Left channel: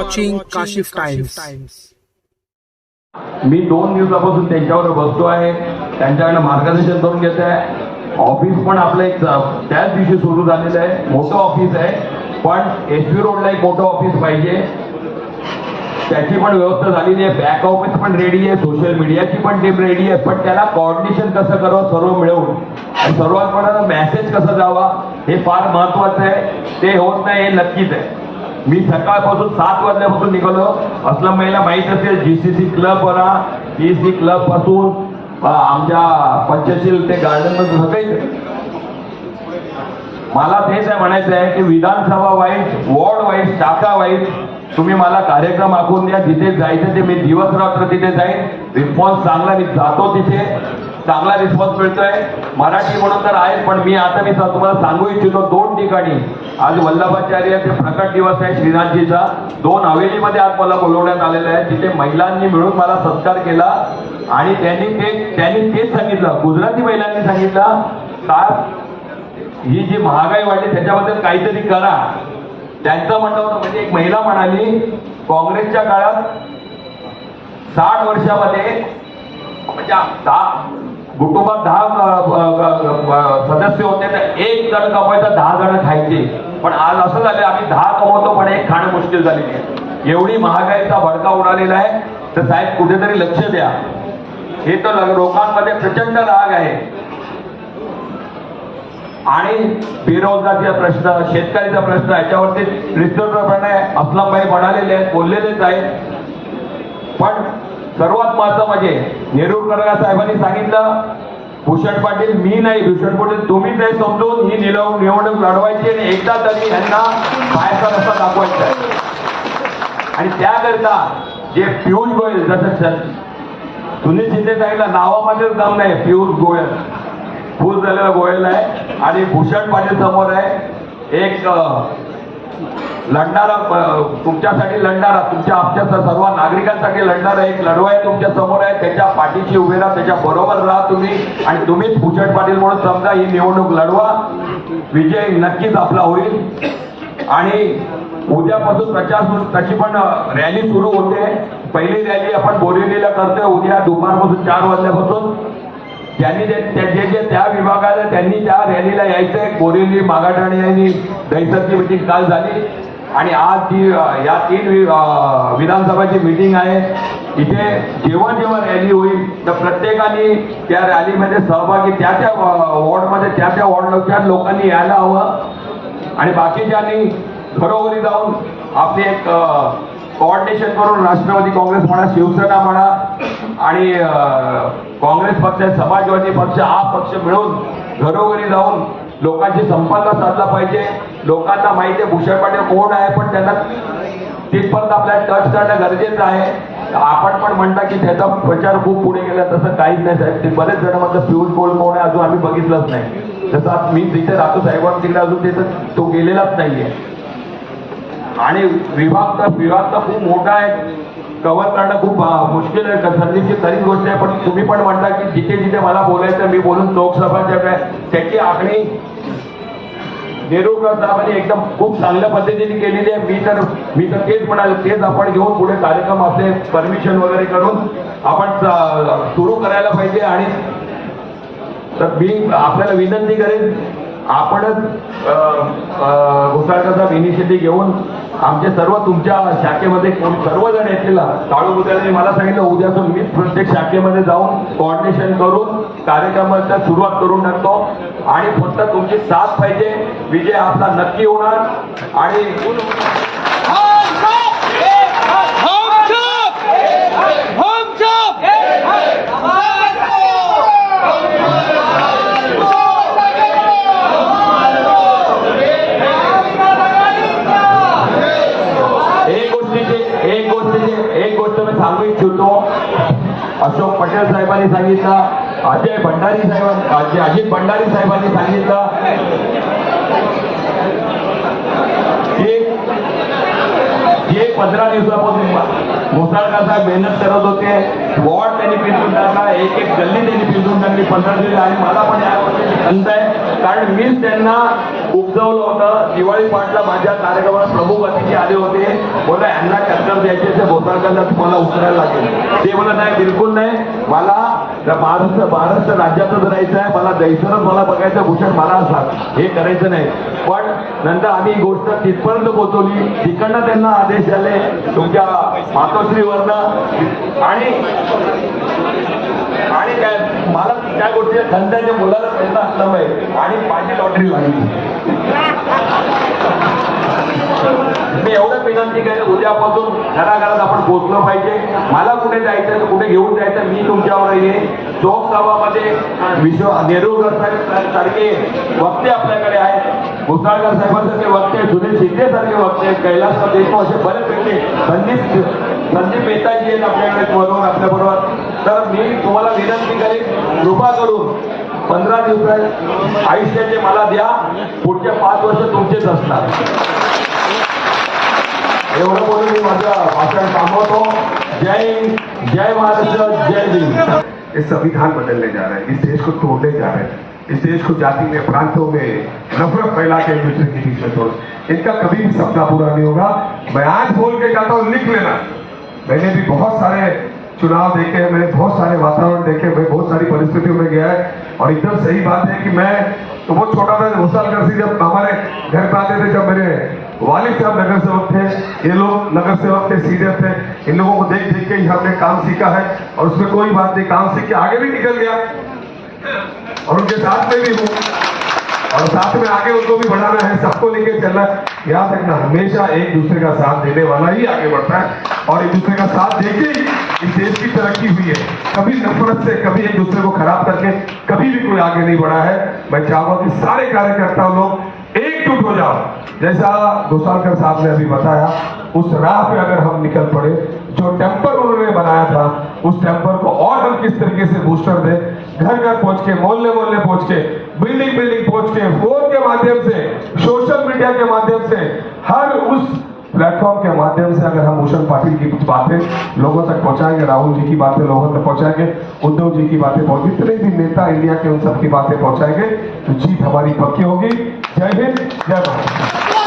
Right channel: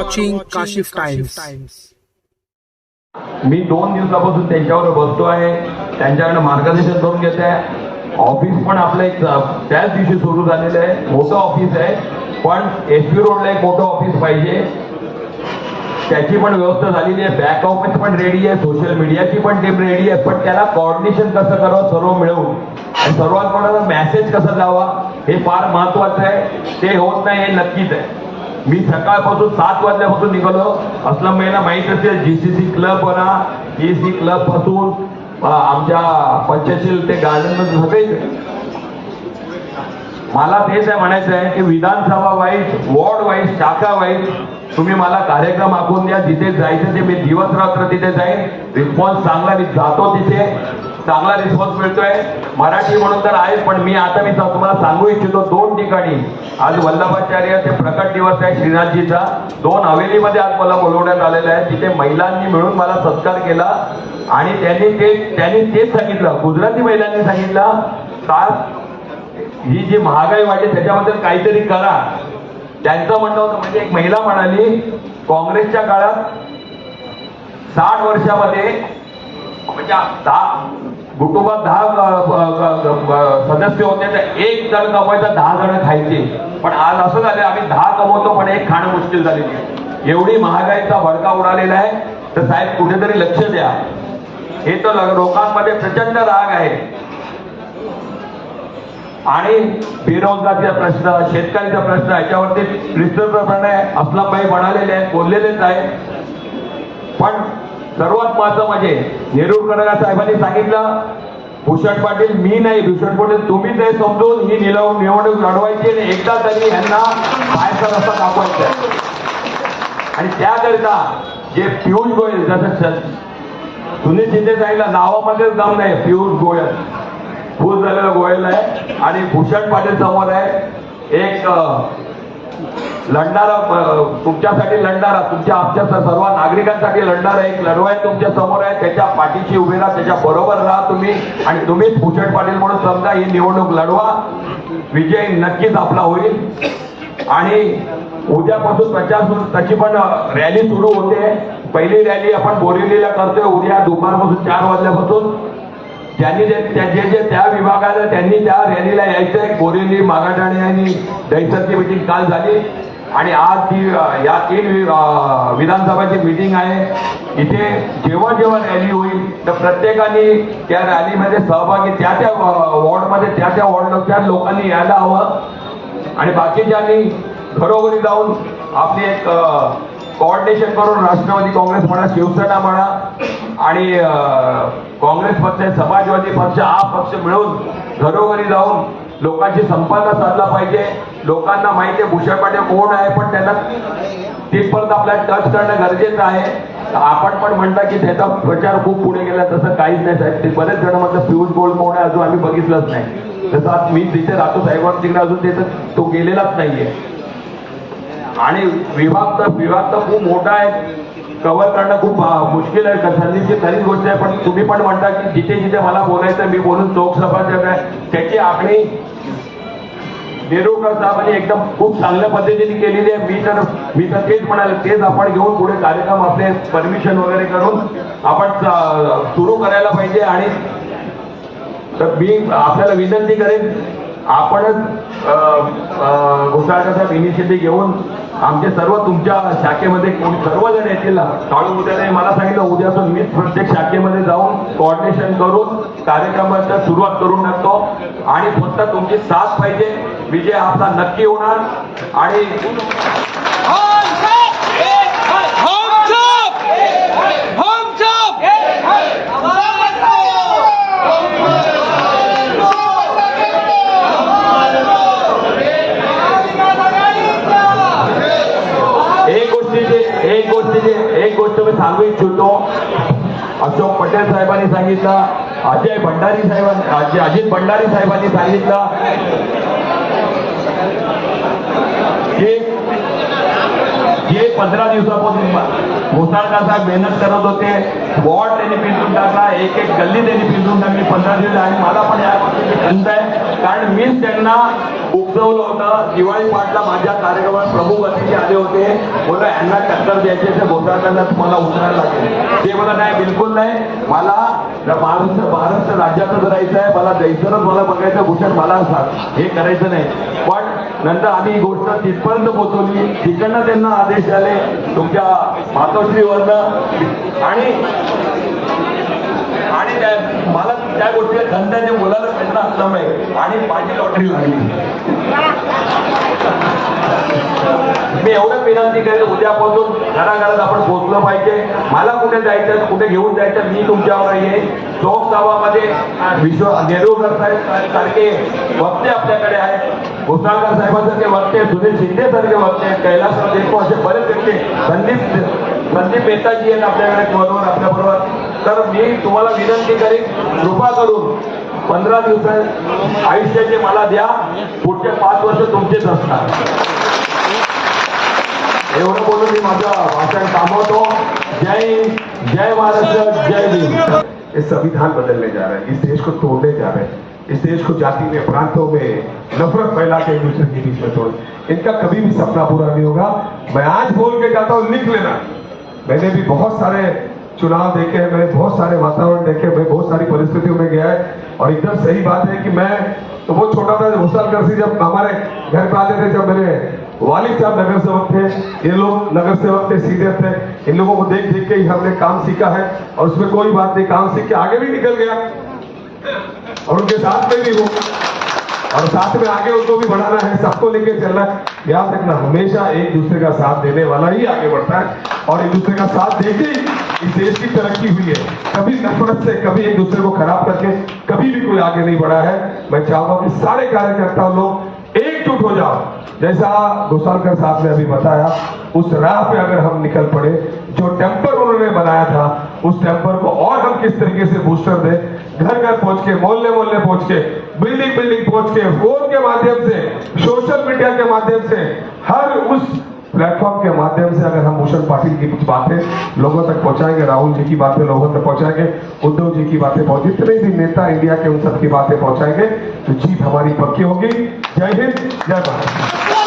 watching Kashif Times. मी 2 दिवसापासून त्यांच्यावर बसतो आहे, त्यांच्याकडे मार्गदर्शन करून घेत आहे. ऑफिस पण आपलं एक त्याच दिवशी सुरू झालेलं आहे. मोठं ऑफिस आहे, पण एसपी रोडला एक मोठं ऑफिस पाहिजे. त्याची पण व्यवस्था झालेली आहे. बॅक ऑफिस पण रेडी आहे, सोशल मीडियाची पण टीम रेडी आहे. पण त्याला कोऑर्डिनेशन कसं करावं सर्व मिळवून, आणि सर्वात कोणाला मेसेज कसा जावा हे फार महत्वाचं आहे. ते होत नाही हे नक्कीच आहे. मी सकाळपासून 7 वाजल्यापासून निघालो. असलं मला माहित असेल जीसीसी क्लब वरा जीसी क्लब पासून आमच्या पंचशील ते गार्डन सगळे. मला तेच आहे म्हणायचं आहे की विधानसभा वाईज, वॉर्ड वाईज, शाखा वाईज तुम्ही मला कार्यक्रम आखून द्या. जिथे जायचं ते मी दिवस रात्र तिथे जाईन. रिस्पॉन्स चांगला, मी जातो तिथे चांगला रिस्पॉन्स मिळतोय. मराठी म्हणून तर आहे, पण मी तुम्हाला सांगू इच्छितो 2 ठिकाणी आज वल्लभाचार्याचे प्रकट दिवस आहे श्रीनाथजीचा. 2 हवेलीमध्ये आज मला बोलवण्यात आलेलं आहे. तिथे महिलांनी मिळून मला सत्कार केला आणि त्यांनी तेच सांगितलं, गुजराती महिलांनी सांगितलं का ही जी महागाई वाढली त्याच्याबद्दल काहीतरी करा. त्यांचं म्हणणं होतं, म्हणजे एक महिला म्हणाली काँग्रेसच्या काळात 60 वर्षामध्ये म्हणजे 10 कुटुंबात 10 सदस्य होते तर 1 जण कमवायचा 10 जण खायचे. पण आज असं झालं आम्ही 10 कमवतो पण 1 खाणं मुश्किल झालेली आहे. एवढी महागाईचा भडका उडालेला आहे. तर साहेब कुठेतरी लक्ष द्या. हे तर लोकांमध्ये प्रचंड राग आहे. आणि बेरोजगारीचा प्रश्न, शेतकऱ्याचा प्रश्न, याच्यावरती विस्तृतपणे असलमभाई म्हणालेले आहेत, बोललेलेच आहे. पण सर्वात महत्त्वाचं म्हणजे नेरुरकर साहेबांनी सांगितलं, भूषण पाटील मी नाही, भूषण पाटील तुम्हीच आहे समजून ही निवडणूक लढवायची आणि एकदा तरी यांना बाहेरचा रस्ता दाखवायचा आहे. आणि त्याकरिता जे पियुष गोयल, जसं सुनील शिंदे साहेबला नावामध्ये दम नाही, पियुष गोयल फुल झालेला गोयल आहे. आणि भूषण पाटील समोर आहे, एक लढणारा, तुमच्यासाठी लढणारा, तुमच्या आमच्या सर्व नागरिकांसाठी लढणारा एक लढवाई तुमच्या समोर आहे. त्याच्या पाठीशी उभे राहा, त्याच्या बरोबर राहा तुम्ही, आणि तुम्हीच भूषण पाटील म्हणून समजा ही निवडणूक लढवा. विजय नक्कीच आपला होईल. आणि उद्यापासून त्याची पण रॅली सुरू होते. पहिली रॅली आपण बोरिवलीला करतोय उद्या दुपारपासून 4 वाजल्यापासून. ज्यांनी जे त्या विभागाला त्यांनी त्या रॅलीला यायचंय. बोरिवली, मागाठाणे आणि दहिसरची मीटिंग काल झाली आणि आज ती या 3 विधानसभाची मीटिंग आहे. इथे जेव्हा जेव्हा रॅली होईल तर प्रत्येकाने त्या रॅलीमध्ये सहभागी, त्या वॉर्डमध्ये त्या वॉर्डच्या लोकांनी यायला हवं. आणि बाकीच्यांनी घरोघरी जाऊन आपली एक कोऑर्डिनेशन करून राष्ट्रवादी काँग्रेस म्हणा, शिवसेना म्हणा आणि काँग्रेस पक्ष, समाजवादी पक्ष, आप पक्ष मिळून घरोघरी जाऊन लोकांशी संपर्क साधला पाहिजे. लोकांना माहिती आहे भूषण पाटील कोण आहे, पण त्यांना तिथपर्यंत आपल्याला टच करणं गरजेचं आहे. आपण पण म्हणता की त्याचा प्रचार खूप पुढे गेला, तसं काहीच नाही साहेब. ते बरेच जण म्हणतात पियुष गोयल कोण आहे, अजून आम्ही बघितलंच नाही. जसं आज मी तिथे राहतो साहेबांना, तिकडे अजून त्याचं तो गेलेलाच नाहीये. आणि विभाग तर खूप मोठा आहे, कव्हर करणं खूप मुश्किल आहे, संधीची खरीच गोष्ट आहे. पण तुम्ही पण म्हणता की जिथे जिथे मला बोलायचं मी बोलून लोकसभाच्या त्याची आखणी नेरुरकर साहेबांनी एकदम खूप चांगल्या पद्धतीने केलेली आहे. मी तर तेच म्हणाले, तेच आपण घेऊन पुढे कार्यक्रम आपले परमिशन वगैरे करून आपण सुरू करायला पाहिजे. आणि तर मी आपल्याला विनंती करेन, आपणच घोसाळकरचा इनिशिएटिव्ह घेऊन आमचे सर्व तुमच्या शाखेमध्ये सर्वजण येतील. काळू उद्याने मला सांगितलं उद्यापासून मीच प्रत्येक शाखेमध्ये जाऊन कोऑर्डिनेशन करून कार्यक्रमाची सुरुवात करून टाकतो. आणि फक्त तुमची साथ पाहिजे, विजय आपला नक्की होणार. आणि एक गोष्ट मी सांगू इच्छितो. अशोक पटेल साहेबांनी सांगितलं, अजित भंडारी साहेबांनी सांगितलं की जे 15 दिवसापासून घोसाळकर साहेब मेहनत करत होते. वॉर्ड त्यांनी पिंजून टाकला, एक गल्ली त्यांनी पिंजून टाकली 15 दिवस. आणि मला पण या कारण मीच त्यांना सुचवलं होतं. दिवाळी पाटला माझ्या कार्यक्रमात प्रमुख अतिथी आले होते. बोलले यांना टक्कर द्यायची तर गोसाळकरांना तुम्हाला उचलायला लागेल. ते बोलत नाही, बिलकुल नाही, मला महाराष्ट्र राज्यातच राहायचं आहे, मला द्यायचं, मला बघायचं भूषण, मला हे करायचं नाही. पण नंतर आम्ही ही गोष्ट तिथपर्यंत पोहोचवली. तिकडनं त्यांना आदेश आले तुमच्या मातोश्रीवरनं आणि मला त्या गोष्टीला खंडाच्या मुलाला पैसा असल्यामुळे आणि माझी लॉटरी लागली. मी एवढं विनंती करेन, उद्यापासून घराघरात आपण पोहोचलो पाहिजे. मला कुठे जायचं, कुठे घेऊन जायचं, मी तुमच्यावर येईल. चोक गावामध्ये नेरुळकर साहेब सारखे वक्ते आपल्याकडे आहेत, घोसाळकर साहेबांसारखे वक्ते, सुनील शिंदे सारखे वक्ते, कैलासराव देशमुख असे बरेच व्यक्ती, संदीप मेहताजी आहेत आपल्याकडे फोनवर आपल्याबरोबर. तर मी तुम्हाला विनंती करीन, कृपा करून 15 दिवस आयुष्याचे मला द्या, पुढचे 5 वर्ष तुमचेच असणार. एवढं बोलून मी माझं भाषण थांबवतो. जय महाराष्ट्र, जय भीम. ये संविधान बदलने जा रहे हैं, इस देश को तोड़ने जा रहे हैं, इस देश को जाति में, प्रांतों में नफरत फैला के एक दूसरे के बीच में तोड़, इनका कभी भी सपना पूरा नहीं होगा. मैं आज बोल के जाता हूँ, लिख लेना. मैंने भी बहुत सारे चुनाव देखे हैं, मैंने बहुत सारे वातावरण देखे, मैं बहुत सारी परिस्थितियों में गया है. और एकदम सही बात है कि मैं तो बहुत छोटा था, घोसालकर से जब हमारे घर पे आते थे, जब मेरे वालिद साहब नगर सेवक थे, ये लोग नगर सेवक थे, सीडीएफ थे. इन लोगों को देख देख के ही हमने काम सीखा है और उसमें कोई बात नहीं, काम सीख के आगे भी निकल गया और उनके साथ में भी हूँ और साथ में आगे उनको भी बढ़ाना है, सबको लेके चलना है. याद रखना, हमेशा एक दूसरे का साथ देने वाला ही आगे बढ़ता है और एक दूसरे का साथ देके इस देश की तरक्की हुई है. कभी नफरत से, कभी एक दूसरे को खराब करके कभी भी कोई आगे नहीं बढ़ा है. मैं चाहूंगा कि सारे कार्यकर्ता लोग एकजुट हो जाओ. जैसा घोसालकर साहब ने अभी बताया, उस राह पे अगर हम निकल पड़े, जो टेम्पर उन्होंने बनाया था, उस टेम्पर को और हम किस तरीके से बूस्टर दें, घर घर पहुंच के, मोहल्ले मोहल्ले पहुंच के, बिल्डिंग बिल्डिंग पहुंच के, फोन के माध्यम से, सोशल मीडिया के माध्यम से, हर उस प्लेटफॉर्म के माध्यम से अगर हम भूषण पाटिल की कुछ बातें लोगों तक पहुंचाएंगे, राहुल जी की बातें लोगों तक पहुंचाएंगे, उद्धव जी की बातें पहुंचे, जितने भी नेता इंडिया के उन सब की बातें पहुंचाएंगे, तो जीत हमारी पक्की होगी. जय हिंद, जय भारत.